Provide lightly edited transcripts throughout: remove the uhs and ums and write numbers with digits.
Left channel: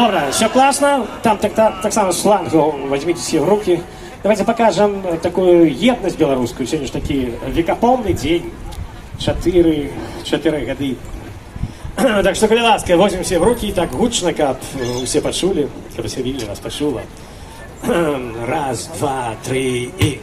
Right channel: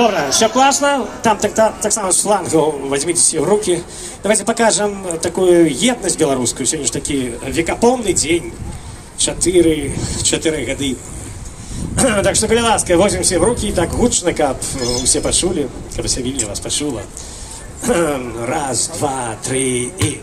Добре, все класно. Там так само с флангу возьмите все в руки. Давайте покажем такую едность белорусскую. Сегодня же такой векопомный день. 4 годы. Так что, коли ласка, возьмем все в руки и так гучно, как все почули, как все видели, вас почула. Раз, два, три и...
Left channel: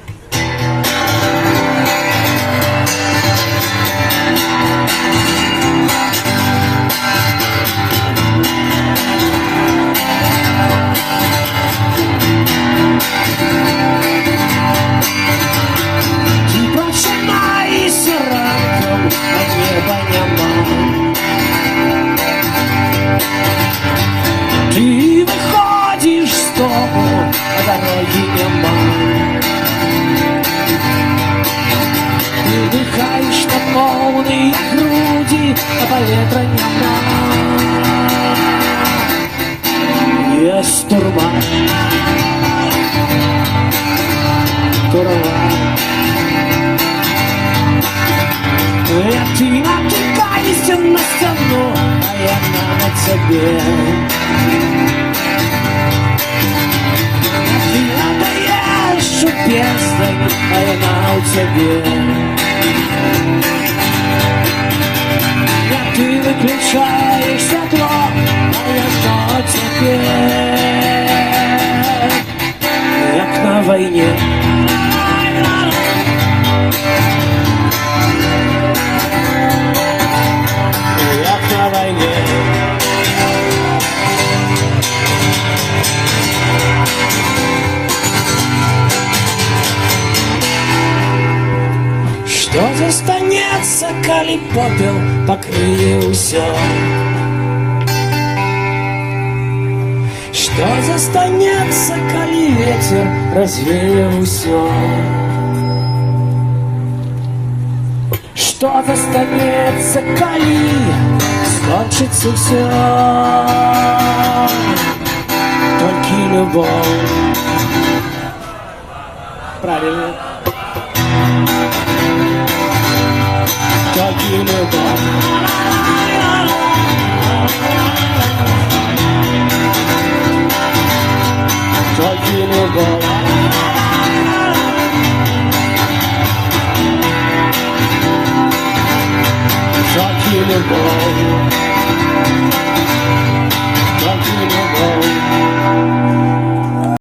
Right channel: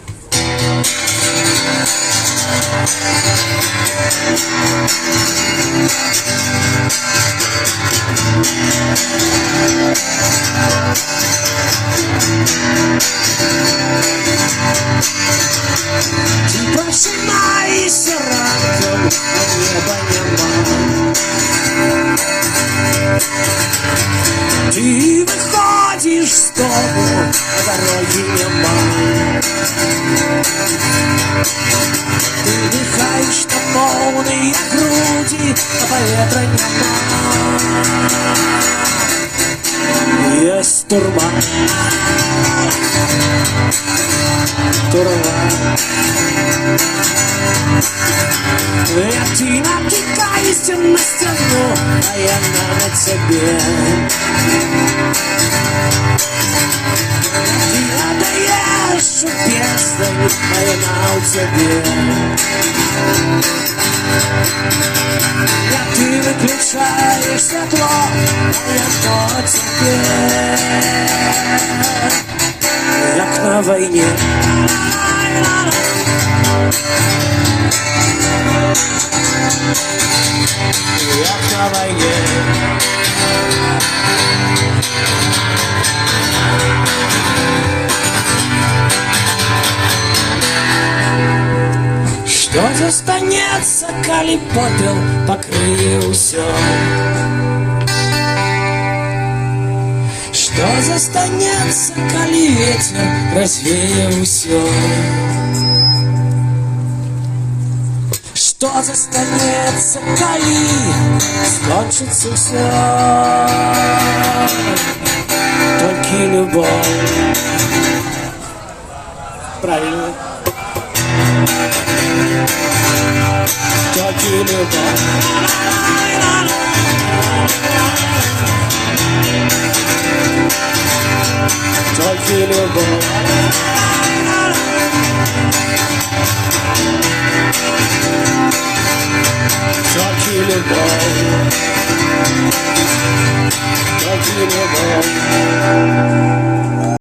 Ты выходишь с дому, а дороги нема. Ты дыхаешь на полные груди, а поветра нема. Есть турма, ты натыкаешься на стену, а я на тебе. Ты отдаешь у бездны, а я на тебе. Ты выключаешь стекло, а я на тебе. Как на войне. Что застанется, коли попел покрыє усё? Что застанется, коли ветер развеє усё? Что застанется, коли скончится все? Только любовь. Правильно. Только любовь. Только любовь. Только любовь. Только любовь.